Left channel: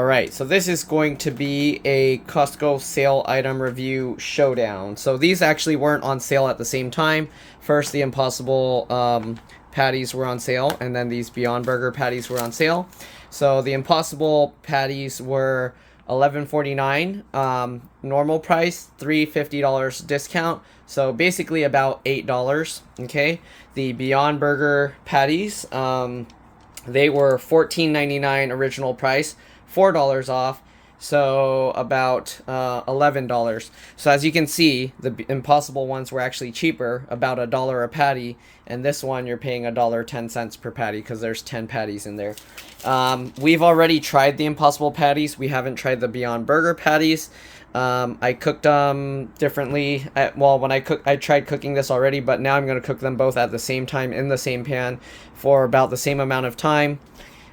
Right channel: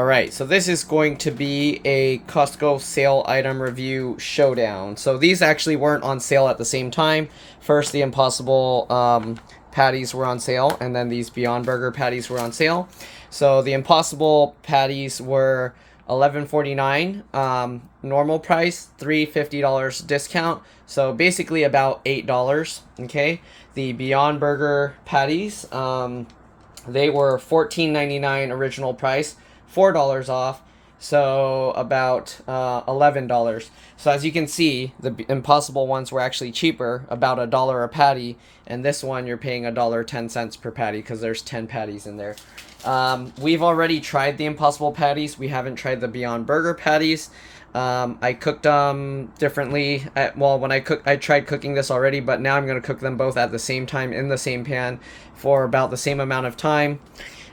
Alright, so this is going to be a Costco sale item review showdown. So these actually weren't on sale at the same time. First, the Impossible patties were on sale, and then these Beyond Burger patties were on sale. So the Impossible patties were $11.49 normal price, $3.50 discount. So basically about $8, okay? The Beyond Burger patties, they were $14.99 original price, $4 off, so about $11. So as you can see, the Impossible ones were actually cheaper, about $1 a patty, and this one you're paying $1.10 per patty because there's 10 patties in there. We've already tried the Impossible patties. We haven't tried the Beyond Burger patties. I cooked them differently. When I tried cooking this already, but now I'm going to cook them both at the same time in the same pan for about the same amount of time.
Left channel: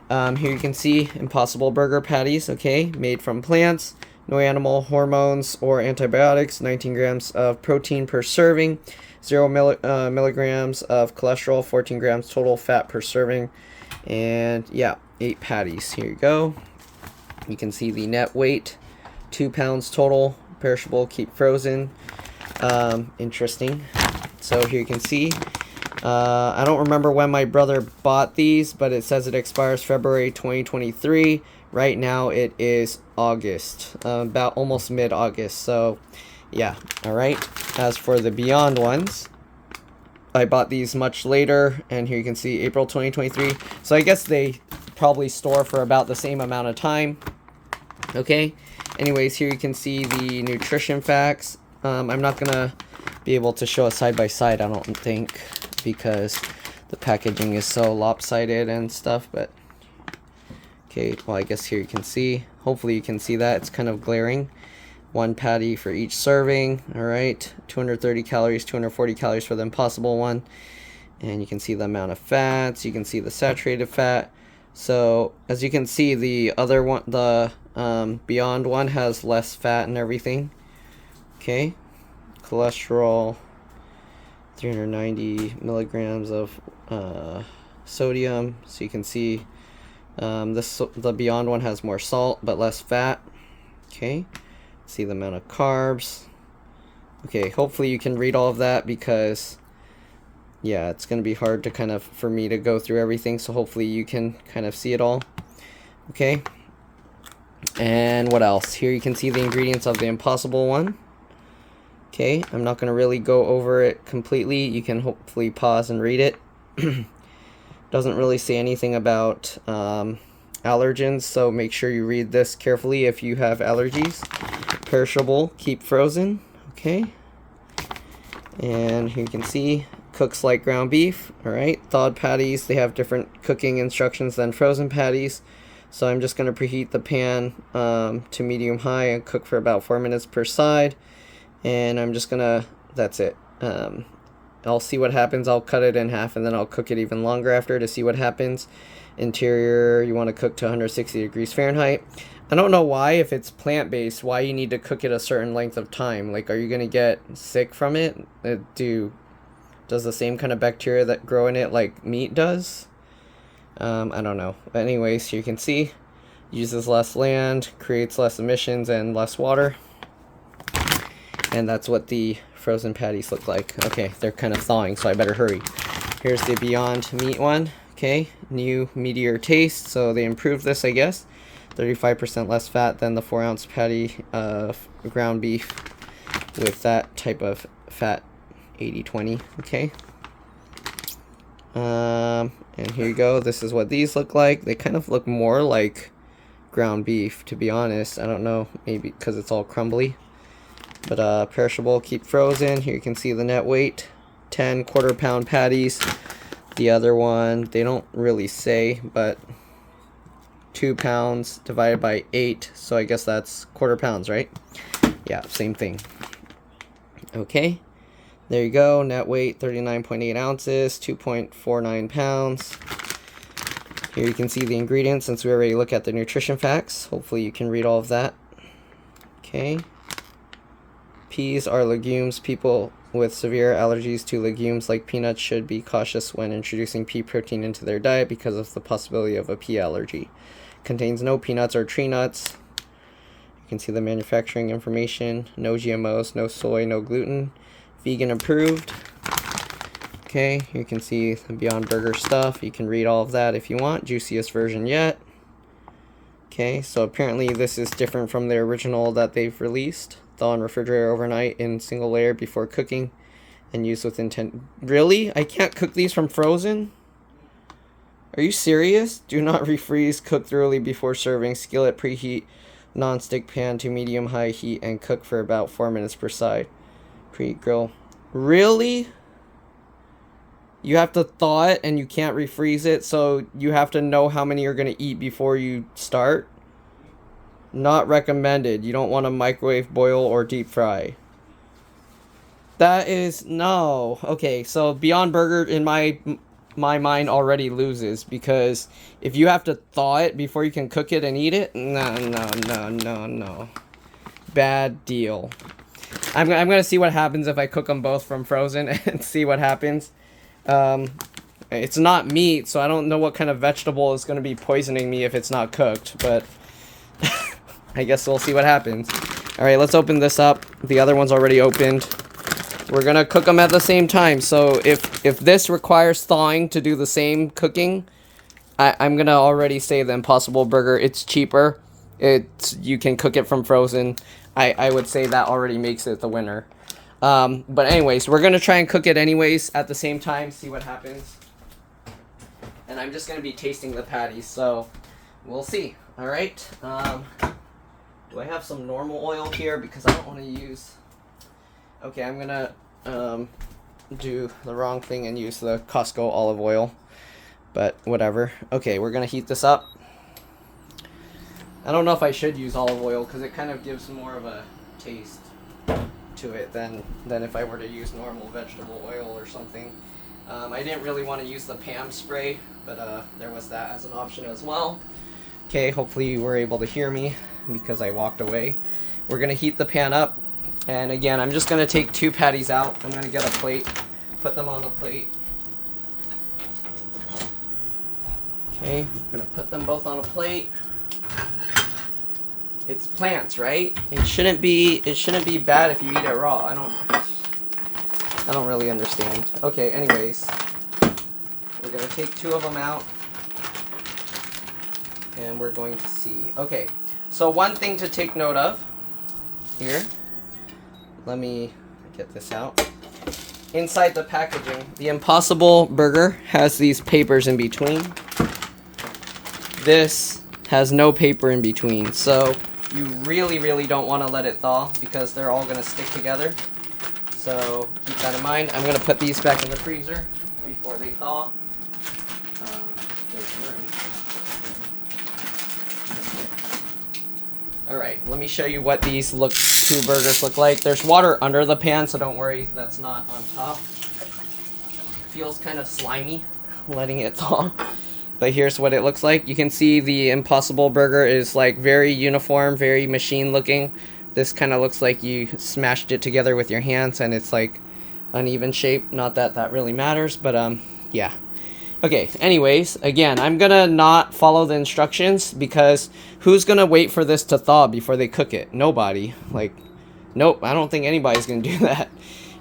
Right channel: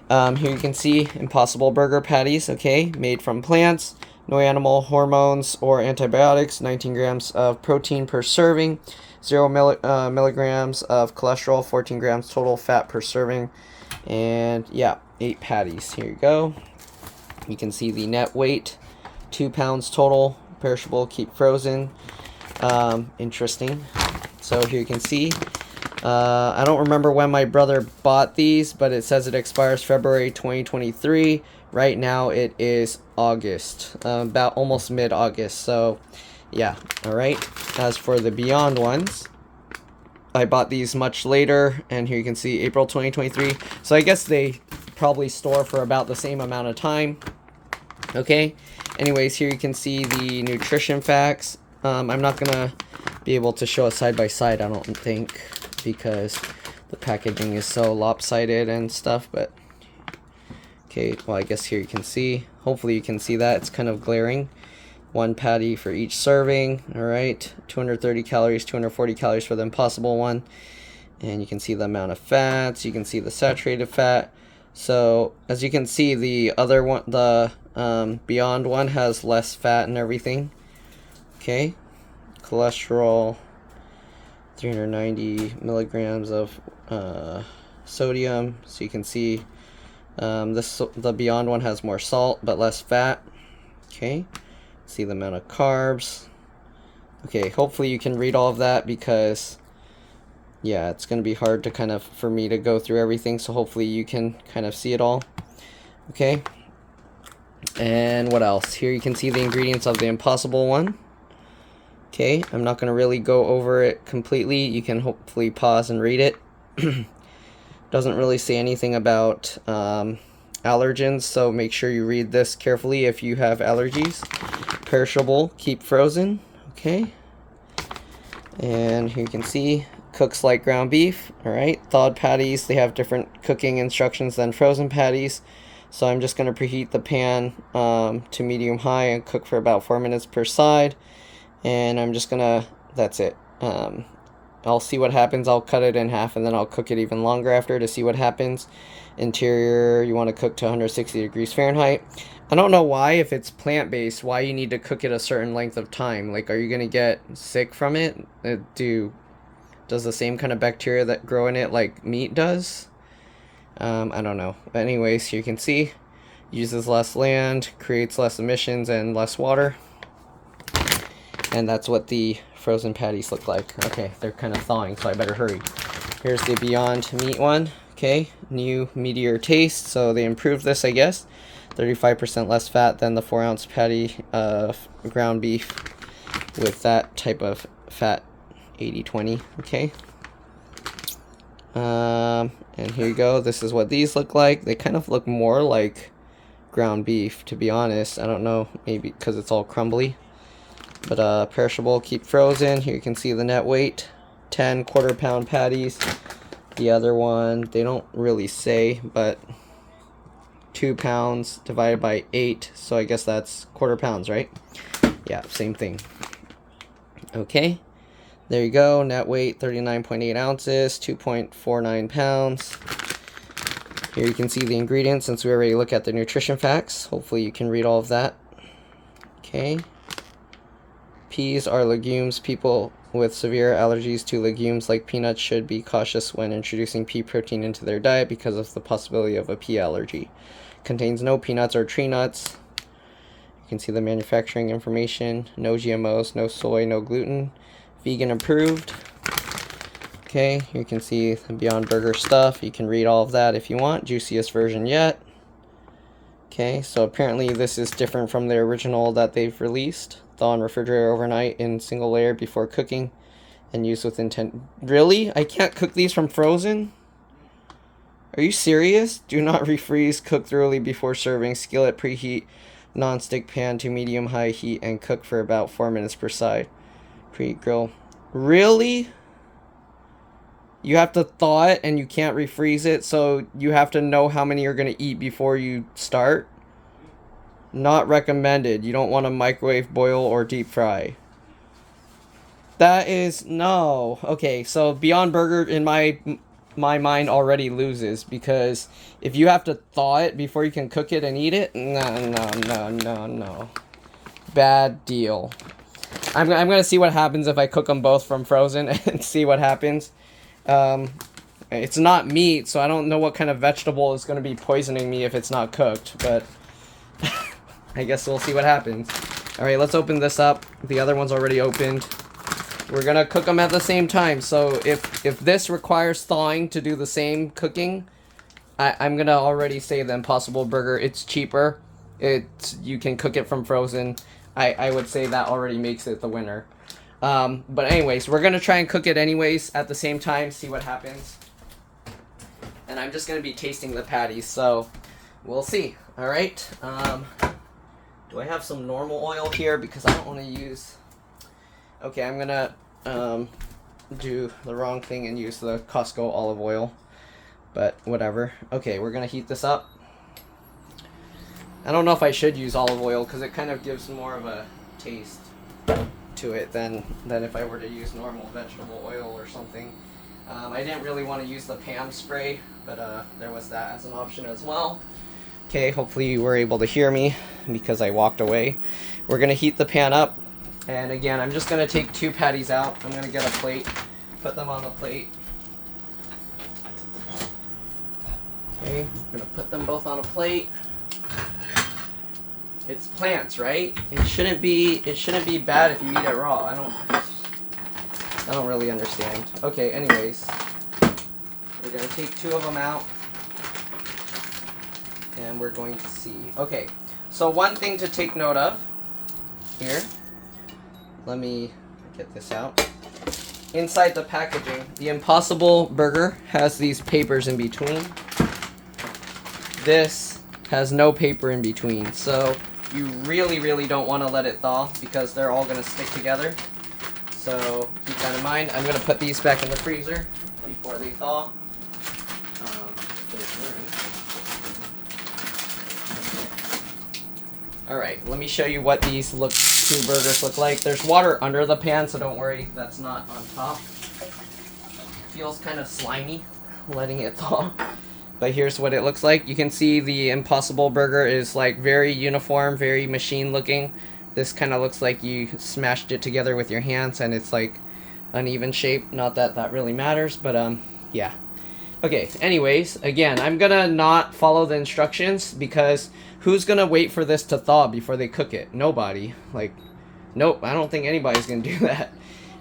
Here you can see Impossible Burger patties, okay, made from plants, no animal hormones or antibiotics, 19 grams of protein per serving, 0 milligrams of cholesterol, 14 grams total fat per serving, and yeah, 8 patties. Here you go. You can see the net weight, 2 pounds total, perishable, keep frozen. Interesting. So here you can see. I don't remember when my brother bought these, but it says it expires February 2023. Right now it is August, about almost mid-August. So yeah, all right. As for the Beyond ones, I bought these much later, and here you can see April 2023. So I guess they probably store for about the same amount of time. Okay. Anyways, here you can see the nutrition facts. I'm not gonna be able to show a side by side, I don't think, because the packaging is so lopsided and stuff, but okay, well, I guess here you can see, hopefully you can see that, it's kind of glaring. 1 patty for each serving, all right, 230 calories, 240 calories for the Impossible one, and you can see the amount of fats, you can see the saturated fat. So as you can see, the other one, the Beyond one, has less fat and everything. Okay, cholesterol, 390 milligrams of sodium. So you can see the Beyond one has more salt but less fat. Okay, see the amount of carbs. Okay, hopefully you can read all of that, because yeah, it's going to be hard to kind of for me to go through everything, so hopefully you can kind of see it all. Okay, and what else? Here you can see the ingredients of the Impossible one. Okay, I'm not going to really go over it completely. You can hopefully pause and read it. Doesn't really say anything about allergens, so make sure you read this carefully if you have allergies. Perishable, keep frozen. Okay, and here you can see cooks like ground beef. All right, thawed patties, they have different cooking instructions than frozen patties. So I'm just going to preheat the pan to medium high and cook for about 4 minutes per side. And I'm just gonna, that's it. I'll see what happens. I'll cut it in half, and then I'll cook it even longer after to see what happens. Interior, you want to cook to 160 degrees Fahrenheit. I don't know why, if it's plant-based, why you need to cook it a certain length of time. Like, are you gonna get sick from it? Does the same kind of bacteria that grow in it like meat does? I don't know. But anyways, you can see, uses less land, creates less emissions and less water. And that's what the frozen patties look like. Okay, they're kind of thawing, so I better hurry. Here's the Beyond Meat one. Okay, new meatier taste, so they improved this, I guess. 35% less fat than the 4-ounce patty of ground beef with that type of fat, 80-20. Okay. And here you go. This is what these look like. They kind of look more like ground beef, to be honest. I don't know, maybe because it's all crumbly. But perishable, keep frozen. Here you can see the net weight, 10 quarter-pound patties. The other one, they don't really say, but 2 pounds divided by 8, so I guess that's quarter pounds, right? Yeah, same thing. Okay, there you go. Net weight, 39.8 ounces, 2.49 pounds. Here you can see the ingredients, since we already looked at the nutrition facts. Hopefully you can read all of that. Okay. Peas are legumes. People with severe allergies to legumes like peanuts should be cautious when introducing pea protein into their diet because of the possibility of a pea allergy. contains no peanuts or tree nuts. You can see the manufacturing information. No GMOs, no soy, no gluten. Vegan approved. Okay, you can see the Beyond Burger stuff. You can read all of that if you want. Juiciest version yet. Okay, so apparently this is different from the original that they've released. Thaw and refrigerator overnight in single layer before cooking and use with intent. Really? I can't cook these from frozen? Are you serious? Do not refreeze. Cook thoroughly before serving. Skillet preheat non-stick pan to medium-high heat and cook for about 4 minutes per side. Preheat grill. Really? You have to thaw it and you can't refreeze it, so you have to know how many you're going to eat before you start? Not recommended. You don't want to microwave, boil, or deep fry. That is... no. Okay, so Beyond Burger, in my mind, already loses, because if you have to thaw it before you can cook it and eat it, no. Bad deal. I'm going to see what happens if I cook them both from frozen and see what happens. It's not meat, so I don't know what kind of vegetable is going to be poisoning me if it's not cooked, but I guess we'll see what happens. Alright, let's open this up. The other one's already opened. We're going to cook them at the same time, so if this requires thawing to do the same cooking, I'm going to already say the Impossible Burger, it's cheaper. You can cook it from frozen. I would say that already makes it the winner. But anyways, we're going to try and cook it anyways at the same time, see what happens. And I'm just going to be tasting the patties, so we'll see. Alright, do I have some normal oil here? Because I don't want to use... Okay, I'm going to do the wrong thing and use the Costco olive oil. But whatever. Okay, we're going to heat this up. I don't know if I should use olive oil because it kind of gives more of a taste to it than if I were to use normal vegetable oil or something. I didn't really want to use the Pam spray, but there was that as an option as well. Okay, hopefully you were able to hear me because I walked away. We're going to heat the pan up, and again, I'm just going to take 2 patties out. I'm going to get a plate, put them on the plate. Okay, I'm going to put them both on a plate. It's plants, right? It shouldn't be bad if you eat it raw. I don't really understand. Okay, anyways, we're gonna take 2 of them out and we're going to see. Okay, so one thing to take note of here, let me get this out. Inside the packaging, the Impossible Burger has these papers in between. This has no paper in between, so you really don't want to let it thaw because they're all going to stick together. So keep that in mind. I'm going to put these back in the freezer before they thaw. Alright, let me show you what these 2 burgers look like. There's water under the pan, so don't worry, that's not on top. Feels kind of slimy letting it thaw. But here's what it looks like. You can see the Impossible Burger is like very uniform, very machine looking. This kind of looks like you smashed it together with your hands and it's like uneven shape. Not that that really matters, but yeah. Okay, anyways, again, I'm gonna not follow the instructions because who's gonna wait for this to thaw before they cook it? Nobody. Like, nope, I don't think anybody's gonna do that.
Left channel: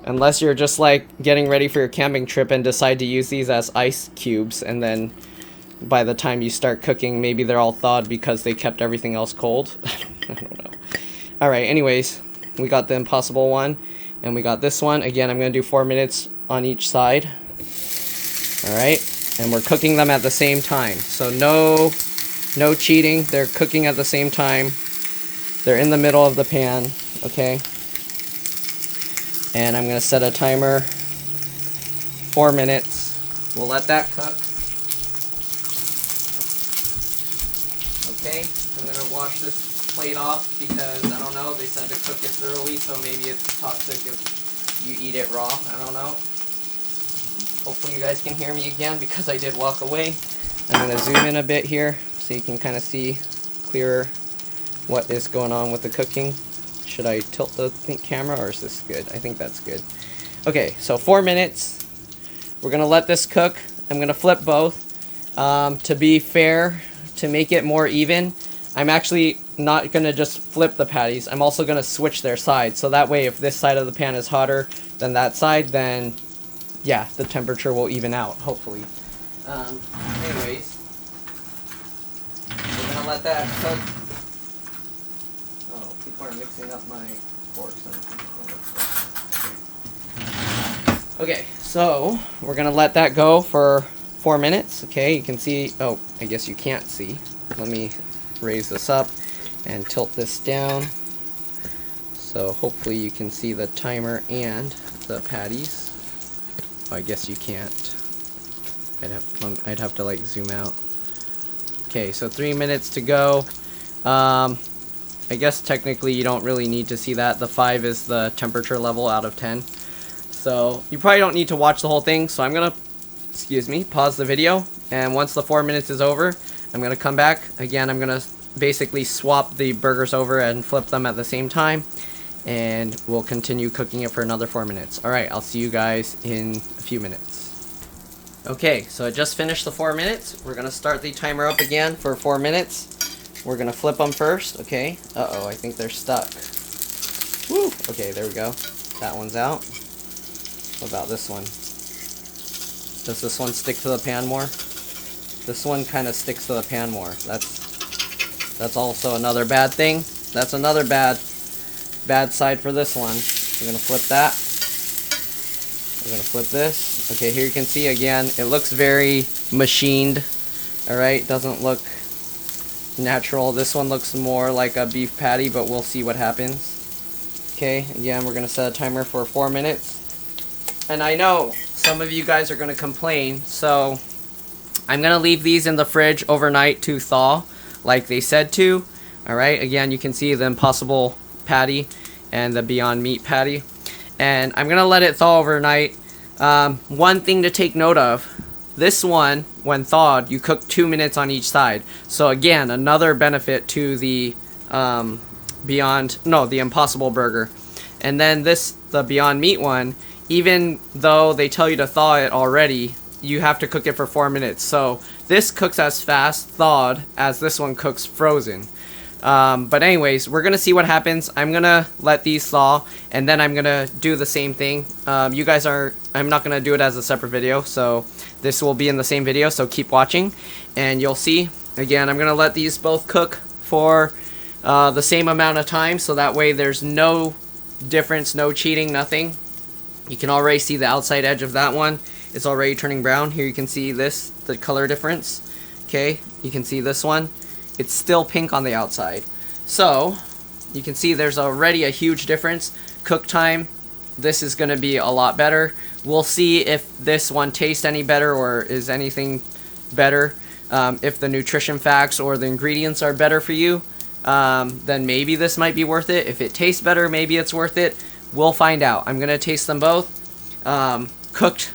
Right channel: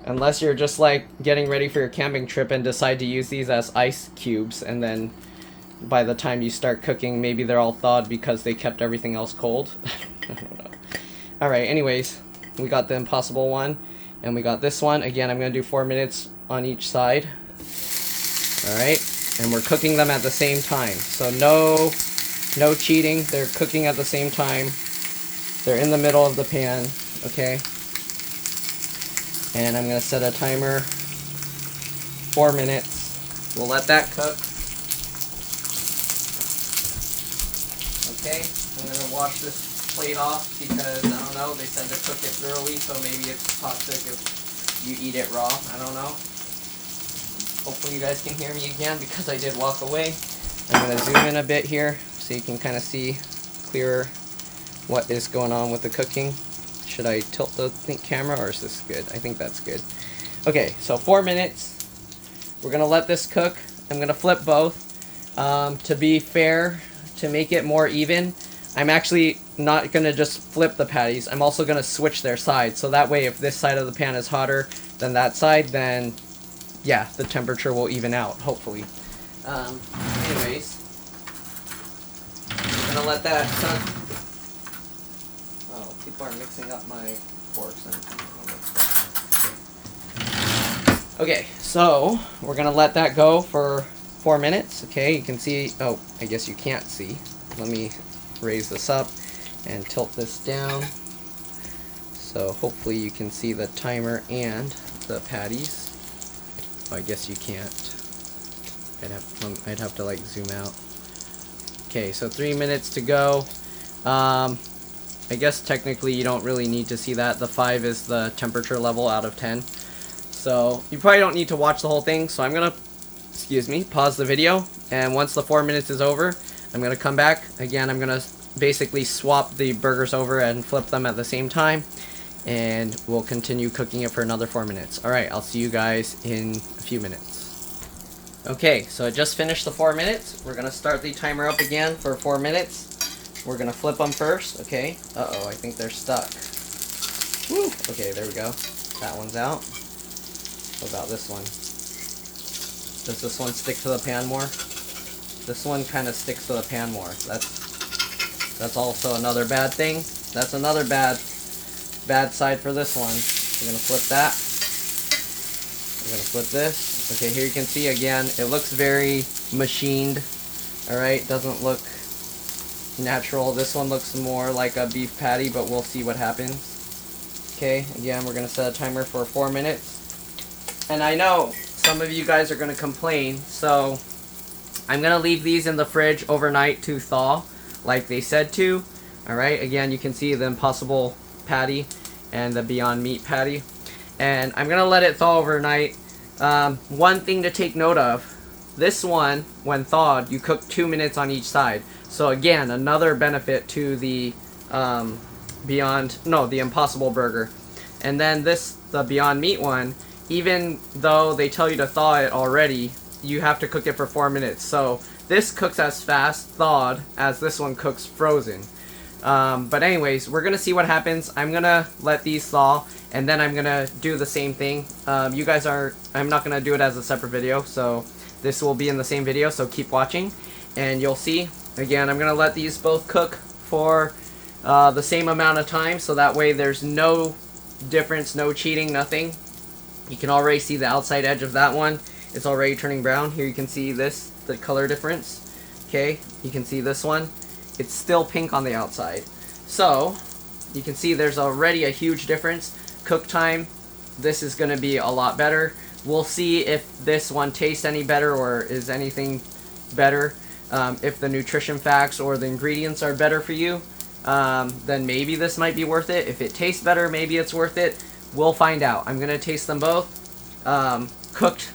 Unless you're just like getting ready for your camping trip and decide to use these as ice cubes, and then by the time you start cooking, maybe they're all thawed because they kept everything else cold. I don't know. Alright, anyways, we got the Impossible one, and we got this one. Again, I'm going to do 4 minutes on each side. Alright, and we're cooking them at the same time. So no cheating. They're cooking at the same time. They're in the middle of the pan, okay? And I'm going to set a timer. 4 minutes. We'll let that cook. Okay, I'm going to wash this plate off because, I don't know, they said to cook it thoroughly, so maybe it's toxic if you eat it raw. I don't know. Hopefully you guys can hear me again because I did walk away. I'm going to zoom in a bit here so you can kind of see clearer what is going on with the cooking. Should I tilt the camera or is this good? I think that's good. Okay, so 4 minutes. We're going to let this cook. I'm going to flip both. To be fair to make it more even, I'm actually not going to just flip the patties. I'm also going to switch their sides. So that way, if this side of the pan is hotter than that side, then yeah, the temperature will even out, hopefully. Anyways, I'm going to let that cook. Oh, people are mixing up my forks. Okay, so we're going to let that go for 4 minutes. Okay, you can see, oh, I guess you can't see. Let me raise this up and tilt this down. So hopefully you can see the timer and the patties. Oh, I guess you can't. I'd have to like zoom out. Okay, so 3 minutes to go. I guess technically you don't really need to see that. The 5 is the temperature level out of 10. So you probably don't need to watch the whole thing. So I'm gonna, excuse me, pause the video. And once the 4 minutes is over, I'm gonna come back. Again, I'm gonna basically swap the burgers over and flip them at the same time. And we'll continue cooking it for another 4 minutes. Alright, I'll see you guys in a few minutes. Okay, so I just finished the 4 minutes. We're gonna start the timer up again for 4 minutes. We're gonna flip them first, okay? Uh-oh, I think they're stuck. Woo. Okay, there we go. That one's out. What about this one? Does this one stick to the pan more? This one kind of sticks to the pan more. That's also another bad thing. That's another bad side for this one. We're gonna flip that. We're gonna flip this. Okay, here you can see again, it looks very machined. Alright, doesn't look natural. This one looks more like a beef patty, but we'll see what happens. Okay, again, we're gonna set a timer for 4 minutes. And I know some of you guys are gonna complain, so I'm gonna leave these in the fridge overnight to thaw, like they said to. Alright, again, you can see the Impossible patty and the Beyond Meat patty. And I'm gonna let it thaw overnight. One thing to take note of, this one, when thawed, you cook 2 minutes on each side. So again, another benefit to the the Impossible burger. And then the Beyond Meat one, even though they tell you to thaw it already, you have to cook it for 4 minutes. So this cooks as fast thawed as this one cooks frozen. But anyways, we're gonna see what happens. I'm gonna let these thaw, and then I'm gonna do the same thing. I'm not gonna do it as a separate video, so this will be in the same video, so keep watching, and you'll see. Again, I'm gonna let these both cook for the same amount of time, so that way there's no difference, no cheating, nothing. You can already see the outside edge of that one. It's already turning brown. Here you can see the color difference. Okay, you can see this one. It's still pink on the outside. So, you can see there's already a huge difference. Cook time, this is going to be a lot better. We'll see if this one tastes any better or is anything better. If the nutrition facts or the ingredients are better for you, then maybe this might be worth it. If it tastes better, maybe it's worth it. We'll find out. I'm going to taste them both. Cooked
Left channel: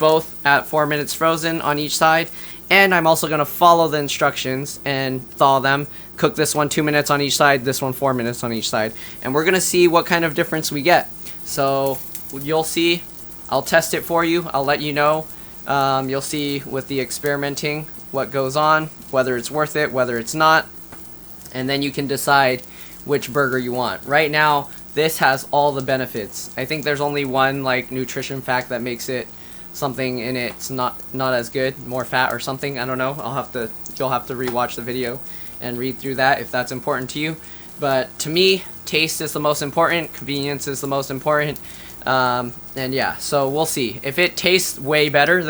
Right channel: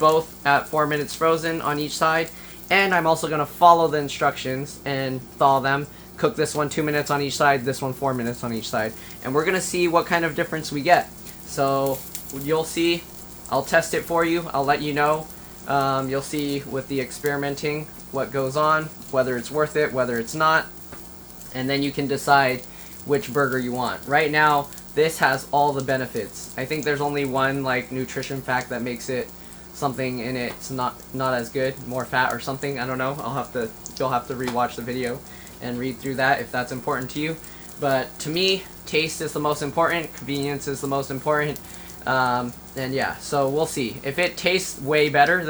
both at 4 minutes frozen on each side. And I'm also going to follow the instructions and thaw them. Cook this one 2 minutes on each side, this one 4 minutes on each side. And we're going to see what kind of difference we get. So you'll see. I'll test it for you. I'll let you know. You'll see with the experimenting what goes on, whether it's worth it, whether it's not. And then you can decide which burger you want. Right now, this has all the benefits. I think there's only one like nutrition fact that makes it something in it's not as good, more fat or something. I don't know. You'll have to rewatch the video and read through that if that's important to you. But to me, taste is the most important. Convenience is the most important. And yeah, so we'll see. If it tastes way better,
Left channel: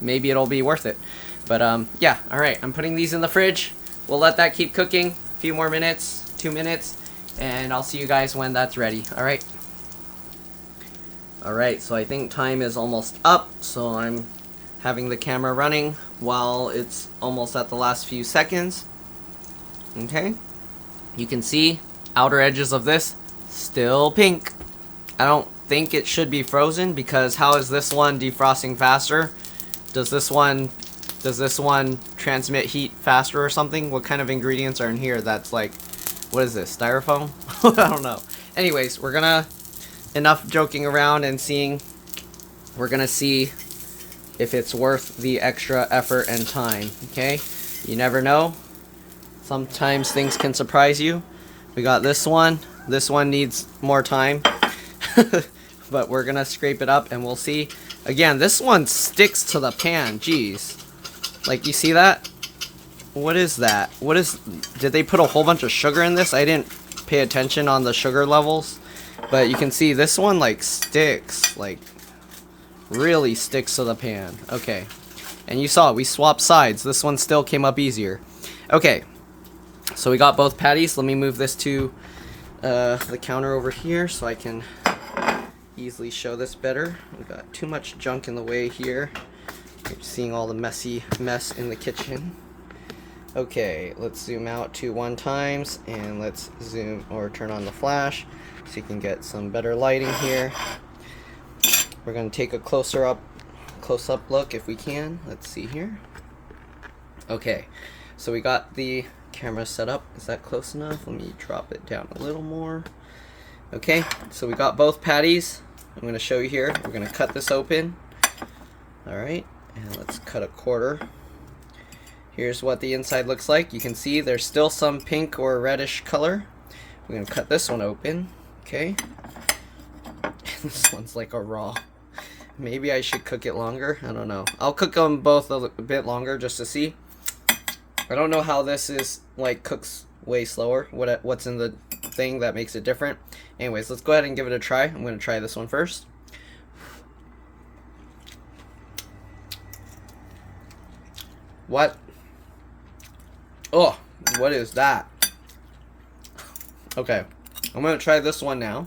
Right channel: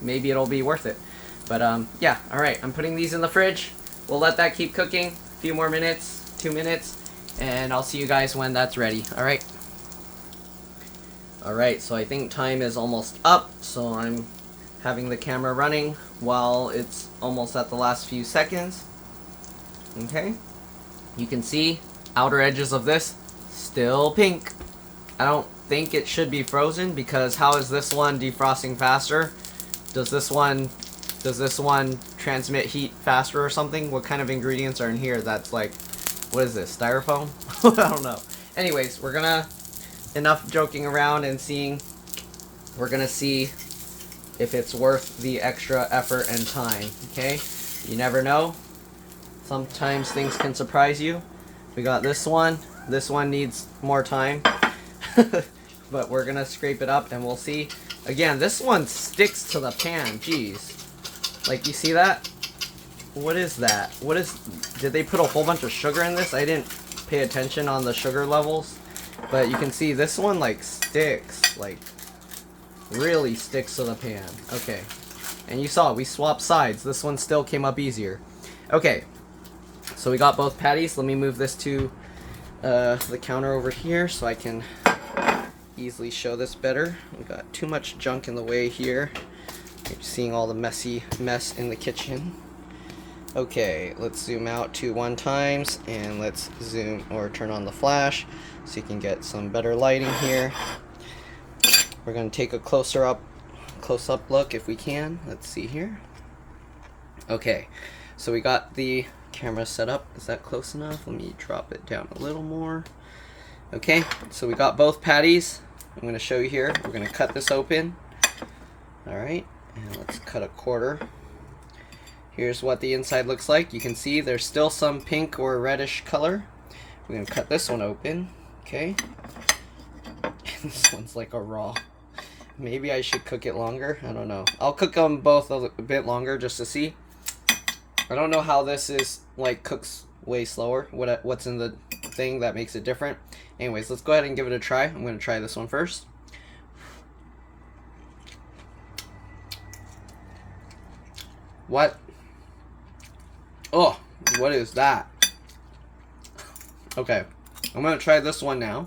maybe it'll be worth it. But yeah, all right. I'm putting these in the fridge. We'll let that keep cooking. A few more minutes, 2 minutes, and I'll see you guys when that's ready. All right. Alright, so I think time is almost up, so I'm having the camera running while it's almost at the last few seconds. Okay, you can see outer edges of this still pink. I don't think it should be frozen because how is this one defrosting faster? Does this one transmit heat faster or something? What kind of ingredients are in here that's like, what is this, styrofoam? I don't know. Anyways, enough joking around and seeing. We're gonna see if it's worth the extra effort and time. Okay, You never know. Sometimes things can surprise you. We got this one. This one needs more time. But we're gonna scrape it up and we'll see. Again, this one sticks to the pan. Jeez. Like, you see that? What is that? Did they put a whole bunch of sugar in this? I didn't pay attention on the sugar levels. But you can see this one, like, sticks. Like, really sticks to the pan. Okay. And you saw, we swapped sides. This one still came up easier. Okay. So we got both patties. Let me move this to the counter over here so I can easily show this better. We got too much junk in the way here. You're seeing all the mess in the kitchen. Okay, let's zoom out to 1x and let's zoom or turn on the flash so you can get some better lighting here. We're going to take a close-up look if we can. Let's see here. Okay, so we got the camera set up. Is that close enough? Let me drop it down a little more. Okay, so we got both patties. I'm going to show you here. We're going to cut this open. Alright, and let's cut a quarter. Here's what the inside looks like. You can see there's still some pink or reddish color. We're going to cut this one open. Okay. This one's like a raw. Maybe I should cook it longer. I don't know. I'll cook them both a bit longer just to see. I don't know how this is, like, cooks way slower. What's in the thing that makes it different. Anyways, let's go ahead and give it a try. I'm going to try this one first. What? Oh, what is that? Okay, I'm going to try this one now.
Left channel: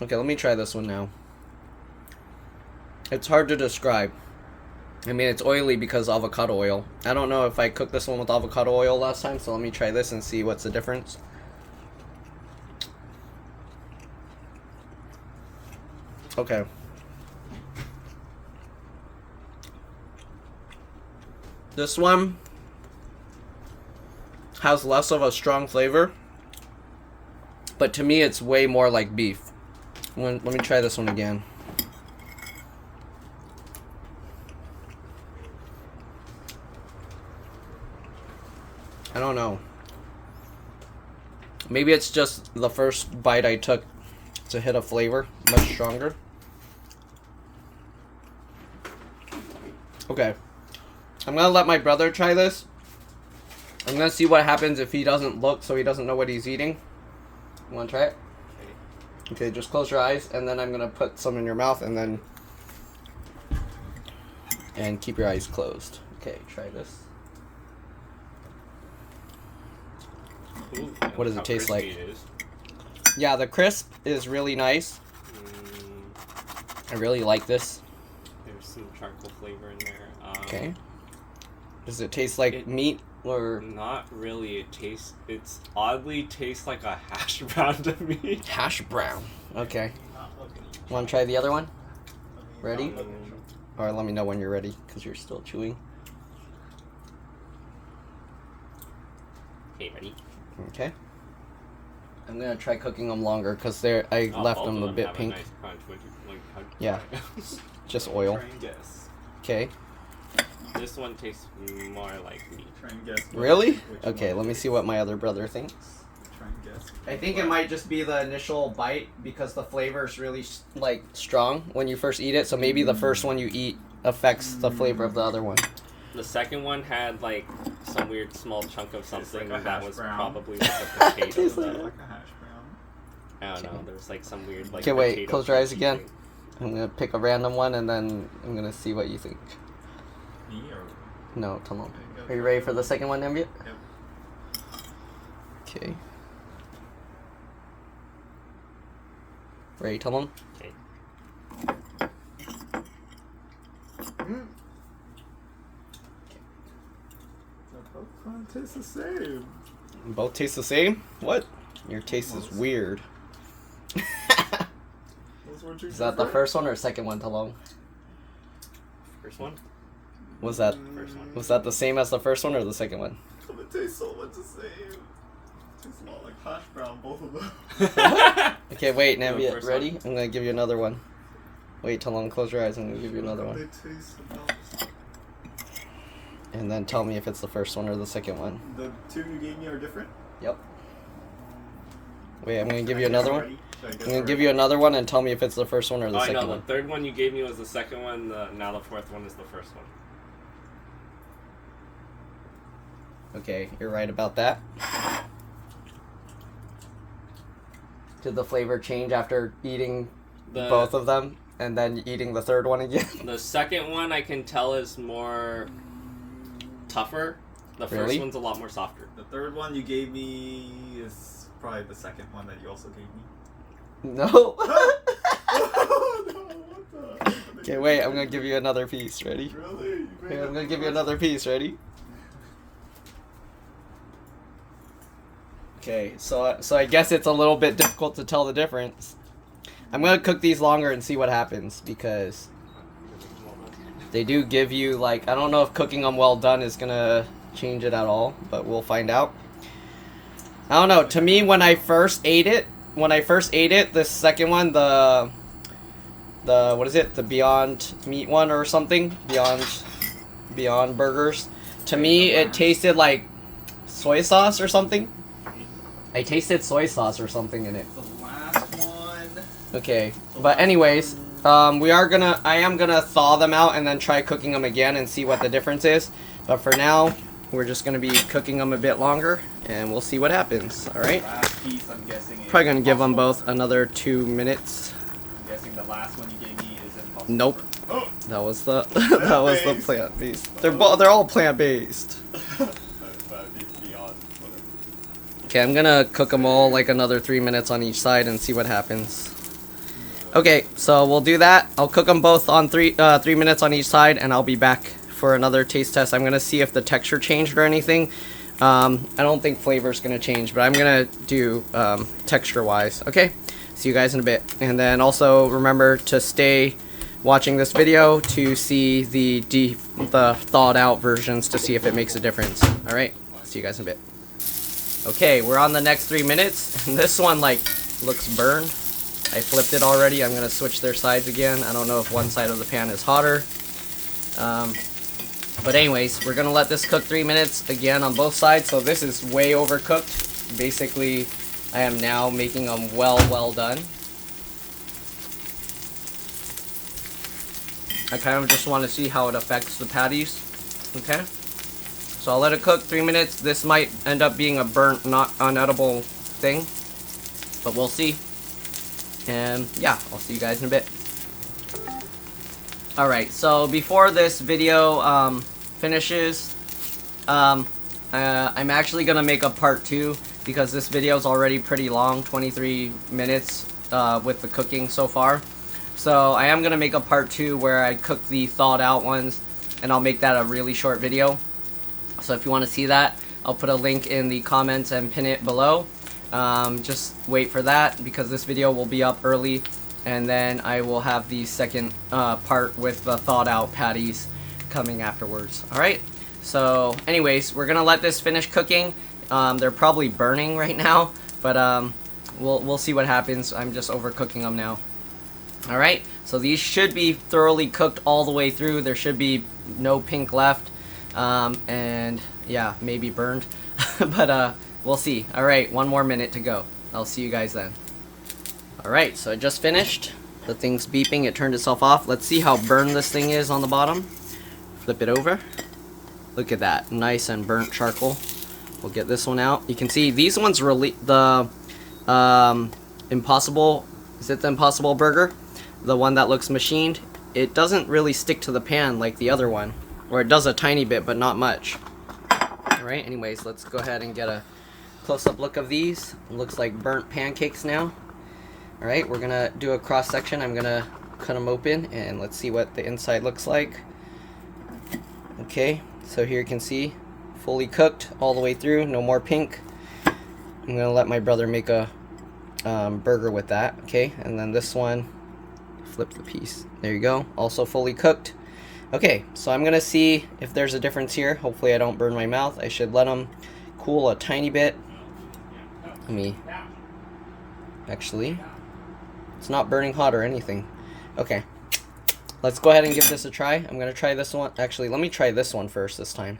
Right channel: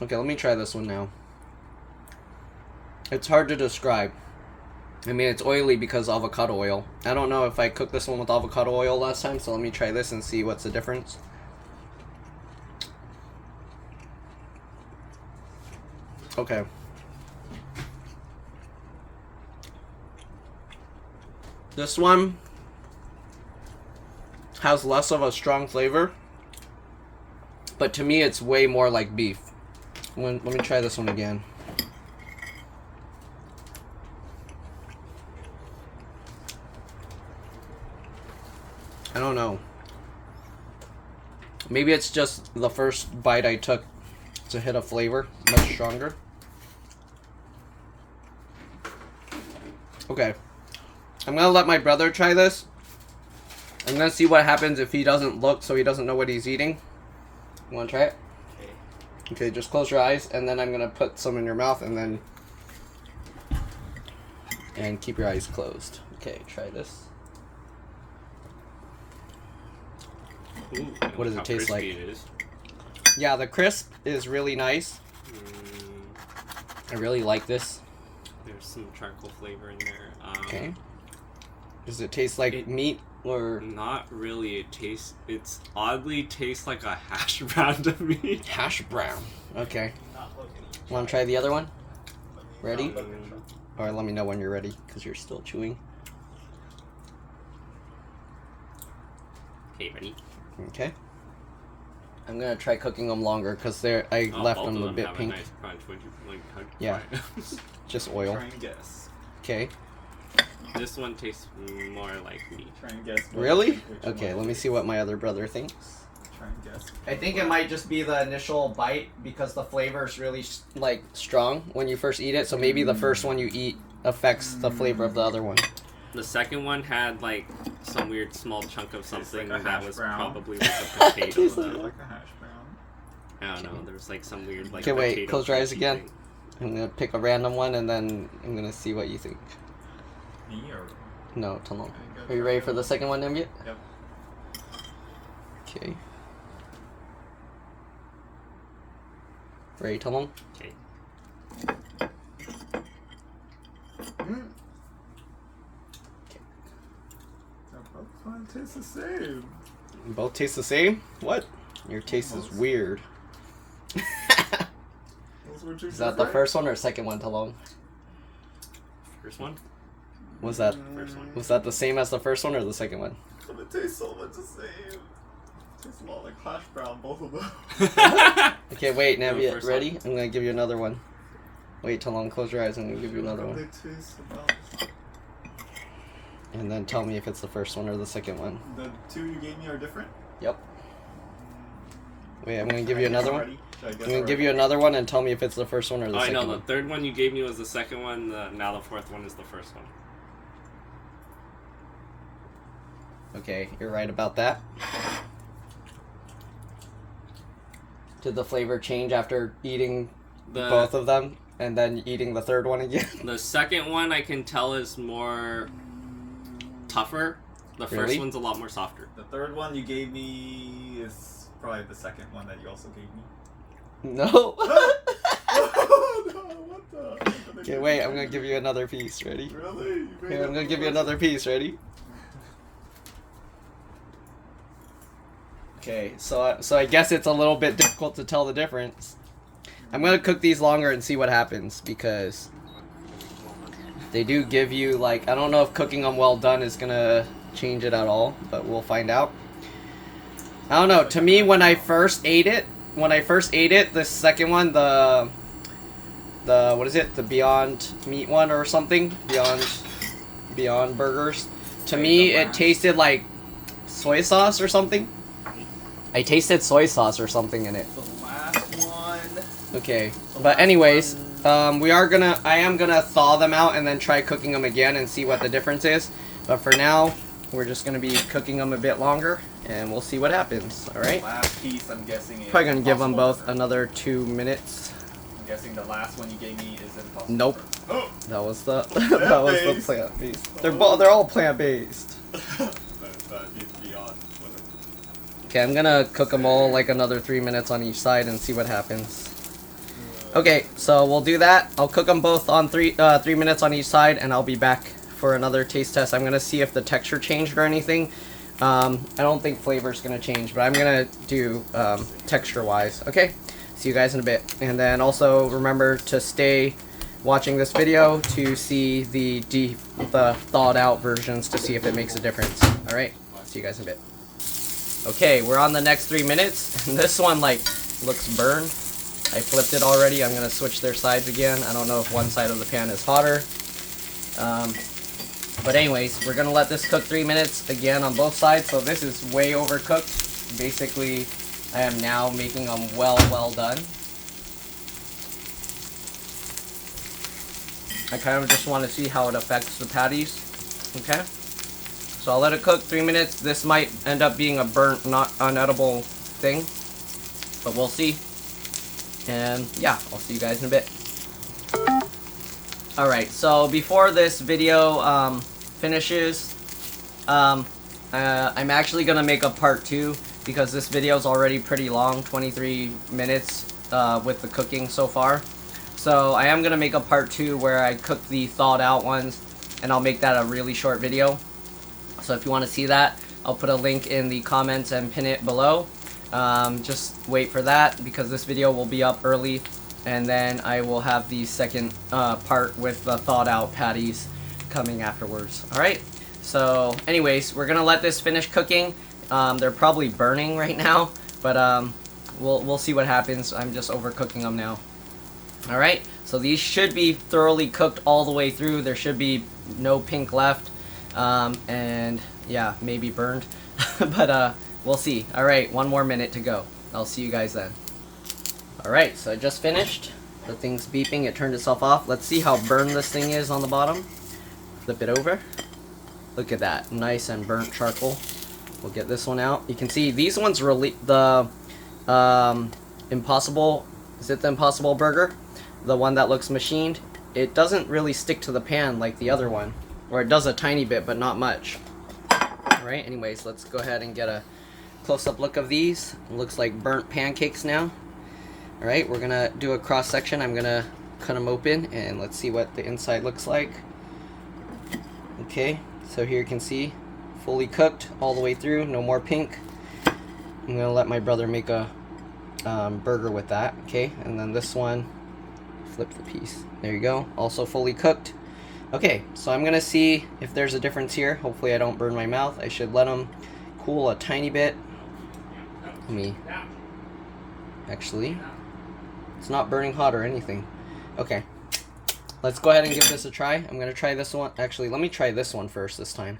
Okay, let me try this one now. It's hard to describe. I mean, it's oily because avocado oil. I don't know if I cooked this one with avocado oil last time, so let me try this and see what's the difference. Okay. This one has less of a strong flavor, but to me it's way more like beef. Let me try this one again. I don't know. Maybe it's just the first bite I took to hit a flavor much stronger. Okay. I'm gonna let my brother try this. I'm gonna see what happens if he doesn't look, so he doesn't know what he's eating. You wanna try it? Okay, just close your eyes, and then I'm gonna put some in your mouth, and keep your eyes closed. Okay, try this. Ooh, what does it taste like? Yeah, the crisp is really nice. I really like this. There's some charcoal flavor in there. Okay. Does it taste like meat or? Not really. It's oddly tastes like a hash brown to me. Hash brown. Okay. Want to try the other one? Ready? Or let me know when you're ready, because you're still chewing. Okay, ready? Okay. I'm gonna try cooking them longer because I left them a bit pink. Yeah. Just oil. Try and guess. Okay. This one tastes more like meat. Try and guess. Really? Okay, let me see what my other brother thinks. Try and guess. I think it might just be the initial bite because the flavor is really like strong when you first eat it. So maybe the first one you eat affects the flavor of the other one. The second one had like some weird small chunk of something like that was brown. probably like a potato. Tastes Like though. a hash brown. I don't know. There was like some weird like. Okay, wait. potato Close your eyes crunchy again. thing. I'm gonna pick a random one and then I'm gonna see what you think. Me or? No, Tomo. Okay, go Are you try ready it. for the second one, Nambia? Yep. Okay. Ready, Tomo? Okay. Both kind of taste the same. Both taste the same? What? Your taste Almost. is weird. Those were two Is that the different? first one or second one, Talong? First one. Was that First one. the same as the first one or the second one? It tastes so much the same. It tastes a lot like hash brown, both of them. Okay, wait, No, Nambia, first ready? one. I'm gonna give you another one. Wait till long, close your eyes, and I'll give you another one. It tastes about... And then tell me if it's the first one or the second one. The two you gave me are different? Yep. Wait, I'm gonna give you another one. I'm gonna give you another one and tell me if it's the first one or the Oh, I second know. The one. third one you gave me was the second one. Now the fourth one is the first one. Okay, you're right about that. Did the flavor change after eating both of them and then eating the third one again? The second one I can tell is more tougher. The first Really? one's a lot more softer. The third one you gave me is probably the second one that you also gave me. No. Oh, no, what the? Okay, wait, I'm gonna give you another piece. Ready? Really? Here, I'm gonna give you another piece. Ready? Okay, so I guess it's a little bit difficult to tell the difference. I'm gonna cook these longer and see what happens because they do give you, like, I don't know if cooking them well done is gonna change it at all, but we'll find out. I don't know. To me, when I first ate it, the second one, the what is it? The Beyond Meat one or something? Beyond Burgers. To me, it tasted like soy sauce or something. I tasted soy sauce or something in it. The last one. Okay, but anyways, I am gonna thaw them out and then try cooking them again and see what the difference is. But for now, we're just gonna be cooking them a bit longer, and we'll see what happens. All right. Last piece, I'm guessing. Is Probably gonna give them Impossible both another 2 minutes. I'm guessing the last one you gave me is impossible. Nope. Oh. That was the plant based. They're all plant based. It's beyond. Okay, I'm gonna cook them all like another 3 minutes on each side and see what happens. Okay, so we'll do that. I'll cook them both on 3 minutes on each side, and I'll be back for another taste test. I'm gonna see if the texture changed or anything. I don't think flavor's gonna change, but I'm gonna do texture wise. Okay, see you guys in a bit. And then also remember to stay watching this video to see the thawed out versions to see if it makes a difference. All right, see you guys in a bit. Okay, we're on the next 3 minutes, and this one like looks burned. I flipped it already. I'm gonna switch their sides again. I don't know if one side of the pan is hotter. But anyways, we're gonna let this cook 3 minutes again on both sides. So this is way overcooked. Basically, I am now making them well done. I kind of just want to see how it affects the patties. Okay, so I'll let it cook 3 minutes. This might end up being a burnt, not unedible thing, but we'll see. And yeah, I'll see you guys in a bit. Alright, so before this video finishes, I'm actually going to make a part 2 because this video is already pretty long, 23 minutes with the cooking so far. So I am going to make a part 2 where I cook the thawed out ones, and I'll make that a really short video. So if you want to see that, I'll put a link in the comments and pin it below. Just wait for that because this video will be up early, and then I will have the second part with the thawed out patties coming afterwards. Alright, so anyways, we're gonna let this finish cooking. They're probably burning right now, but we'll see what happens. I'm just overcooking them now. Alright, so these should be thoroughly cooked all the way through. There should be no pink left, and yeah, maybe burned. But we'll see. Alright, 1 more minute to go. I'll see you guys then. Alright, so I just finished. The thing's beeping. It turned itself off. Let's see how burned this thing is on the bottom. Flip it over. Look at that. Nice and burnt charcoal. We'll get this one out. You can see these ones really... The Impossible... Is it the Impossible Burger? The one that looks machined. It doesn't really stick to the pan like the other one. Or it does a tiny bit, but not much. Alright, anyways, let's go ahead and get a close-up look of these. It looks like burnt pancakes now. Alright, we're gonna do a cross section. I'm gonna cut them open and let's see what the inside looks like. Okay, so here you can see fully cooked all the way through, no more pink. I'm gonna let my brother make a burger with that. Okay, and then this one, flip the piece. There you go, also fully cooked. Okay, so I'm gonna see if there's a difference here. Hopefully I don't burn my mouth. I should let them cool a tiny bit. Let me... Actually, it's not burning hot or anything. Okay, let's go ahead and give this a try. I'm gonna try this one. Actually, let me try this one first this time.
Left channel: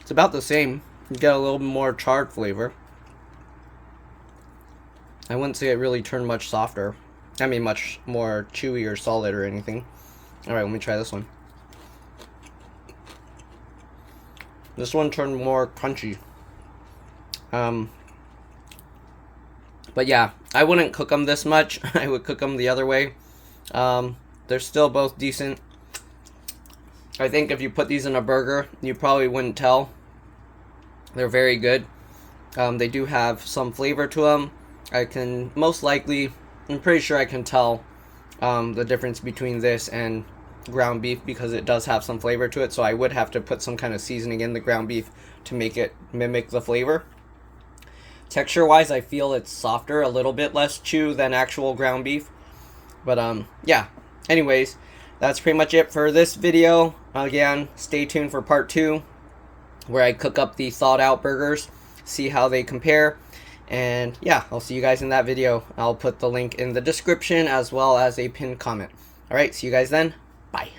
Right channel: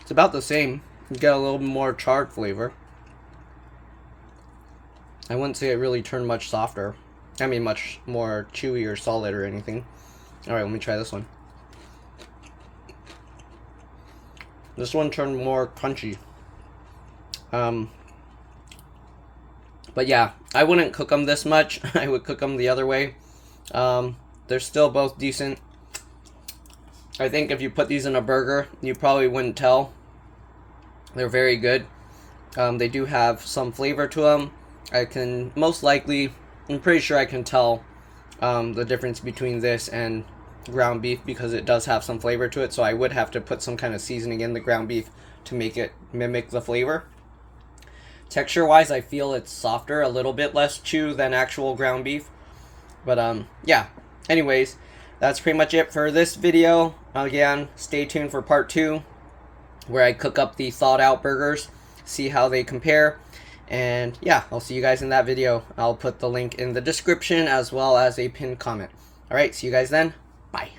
It's about the same. You get a little more charred flavor. I wouldn't say it really turned much softer. I mean, much more chewy or solid or anything. Alright, let me try this one. This one turned more crunchy. But yeah, I wouldn't cook them this much. I would cook them the other way. They're still both decent. I think if you put these in a burger, you probably wouldn't tell. They're very good. They do have some flavor to them. I can most likely, I'm pretty sure I can tell the difference between this and ground beef because it does have some flavor to it. So I would have to put some kind of seasoning in the ground beef to make it mimic the flavor. Texture wise, I feel it's softer, a little bit less chew than actual ground beef. But yeah, anyways, that's pretty much it for this video. Again, stay tuned for part 2 where I cook up the thawed out burgers, see how they compare. And yeah, I'll see you guys in that video. I'll put the link in the description as well as a pinned comment. Alright, see you guys then. Bye.